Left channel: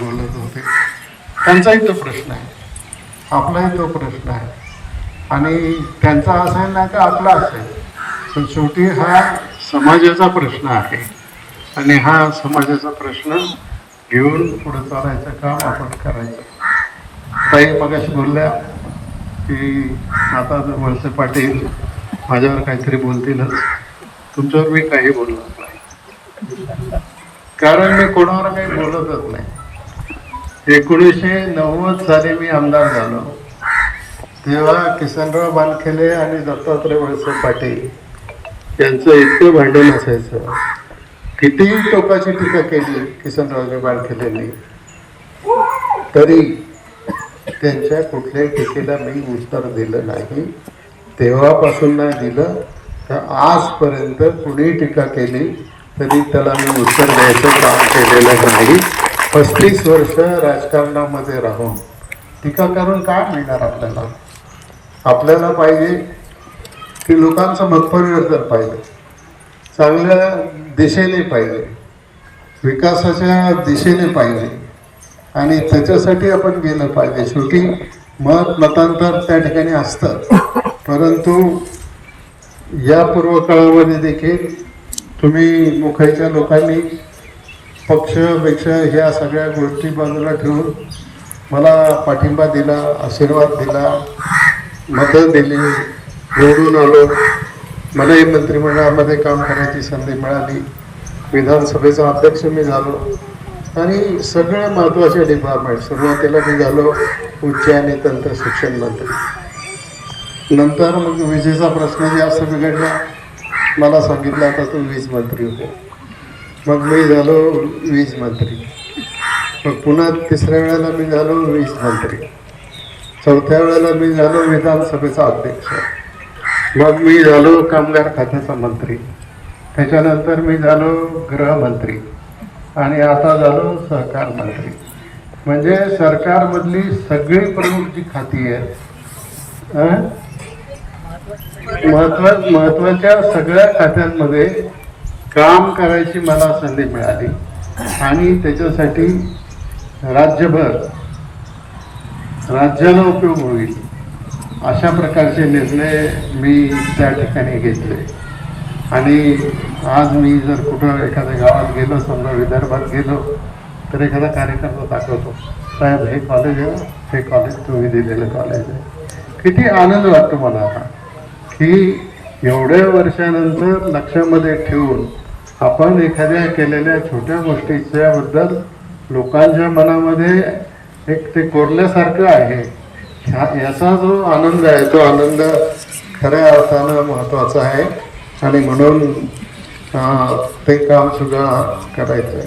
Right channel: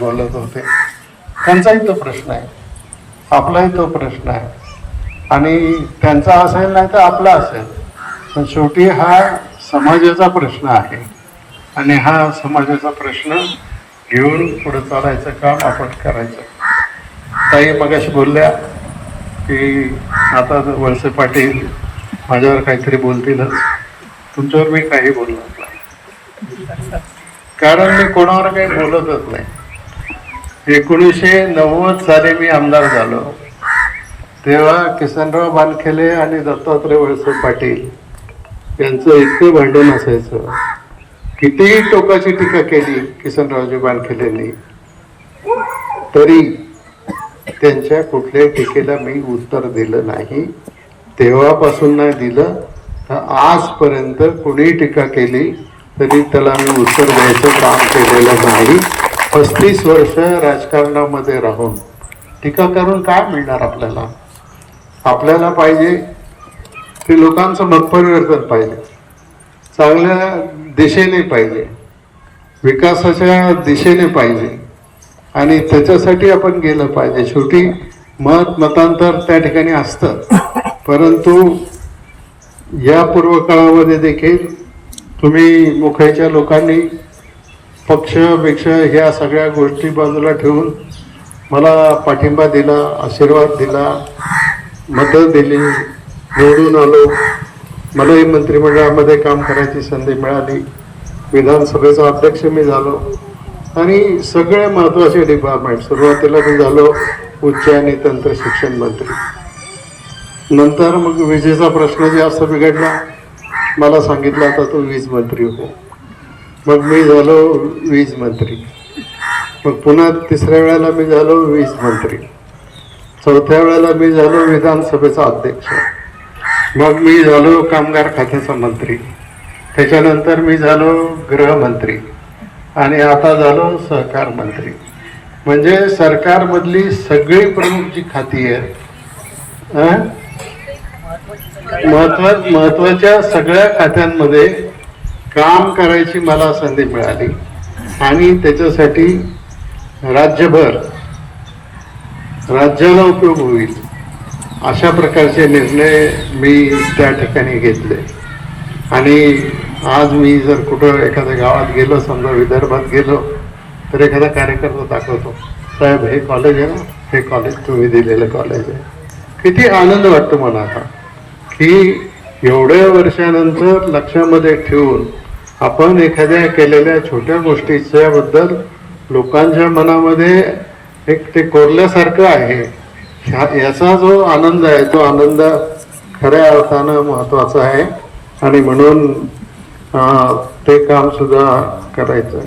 बोलत होते त्यांचाही तो प्रश्न आहे आपलाही तो प्रश्न आहे आणि त्यांचा असेल नाही तर आपला असेल पण शेवटी हा समाजाचा प्रश्न आहे आणि हा समाजाचा प्रश्न घेऊन पुढे चालायचं काम आपण करायचं काही मगाशी बोलल्या की आता वळसे पाटील माझ्यावर काहीतरी बोलतीलच तुमच्यावर मी काही बोललो कारण मी कोणावर काही बोलतच नाही एकोणीसशे नव्वद साली मी आमदार झालो तेव्हा किसनराव मानखेले आणि दत्तात्रय वळसे पाटील यांचं इतकं भांडण असायचं कितीही टोकाची टीका केली किसनरावजी मानखेले तरी त्यांच्या कुठल्याही टीकेला मी उत्तर दिलं नाही तेव्हापासून नाही दिलं तर आजपर्यंत कुणी टीका केली तरी त्याला मी उत्तर द्यायचं काम केलेलं नाही पस्तीस वर्ष राजकारणामध्ये राहून टीका करून काय मिळणार आपल्याला आपल्याला पाहिजे की लोकांचं परिवर्तन पाहिजे चांगल्या दिशेने पाहिजे विकासाच्या दिशेने पाहिजे आणि त्याच्यासाठी आपण गेलं पाहिजे शेवटी मत मतांतर त्या ठिकाणी असतं परंतु या पूर्वकाळामध्ये देखील तुम्ही मुखायच्या लोकांनी पक्षपेक्षा ह्या सगळ्या गोष्टी बाजूला ठेवून मला पाठिंबा दिला आशीर्वाद दिला मतं दिली निवडून आलो मलाही मंत्रिमंडळामध्ये काम करायची संधी मिळाली विधानसभेचा अध्यक्ष मी झालो आणि सगळे महत्त्वाचे डिपार्टमेंट सुरुवातीला मी झालो उच्च आणि तंत्र शिक्षण मंत्री नंतर मग विजेचा प्रश्न जास्त बिघडला मला सांगितलं आता तो वीज मंत्री होतो मग मी झालो वीज मंत्री मग पुन्हा तिसऱ्या वेळेला मी झालो वीज मंत्री चौथ्या वेळेला मी झालो विधानसभेचा अध्यक्ष मग मी झालो कामगार खात्याचा मंत्री त्याच्यानंतर मी झालो गृहमंत्री आणि आता झालो सहकार मंत्री म्हणजे सरकारमधली सगळी प्रमुख जी खाती आहेत महत्वाच्या महत्वाच्या सगळ्या खात्यांमध्ये काम करायची मला संधी मिळाली आणि त्याच्यासाठी राज्यभर राज्याला उपयोग होईल अशा प्रकारचे निर्णय मी त्या ठिकाणी घेतले आणि आज मी जर कुठं एखाद्या गावात गेलो समजा विदर्भात गेलो तर एखादा कार्यकर्ता दाखवतो साहेब हे कॉलेज आहे हे कॉलेज तुम्ही दिलेलं कॉलेज आहे किती आनंद वाटतो मला आता की एवढ्या वर्षानंतर लक्षामध्ये ठेवून आपण एखाद्या केलेल्या छोट्या गोष्टीच्याबद्दल लोकांच्या मनामध्ये एक ते कोरल्यासारखं आहे ह्या याचा जो आनंद आहे तो आनंद खऱ्या अर्थानं महत्त्वाचा आहे आणि म्हणून ते काम सुद्धा करायचं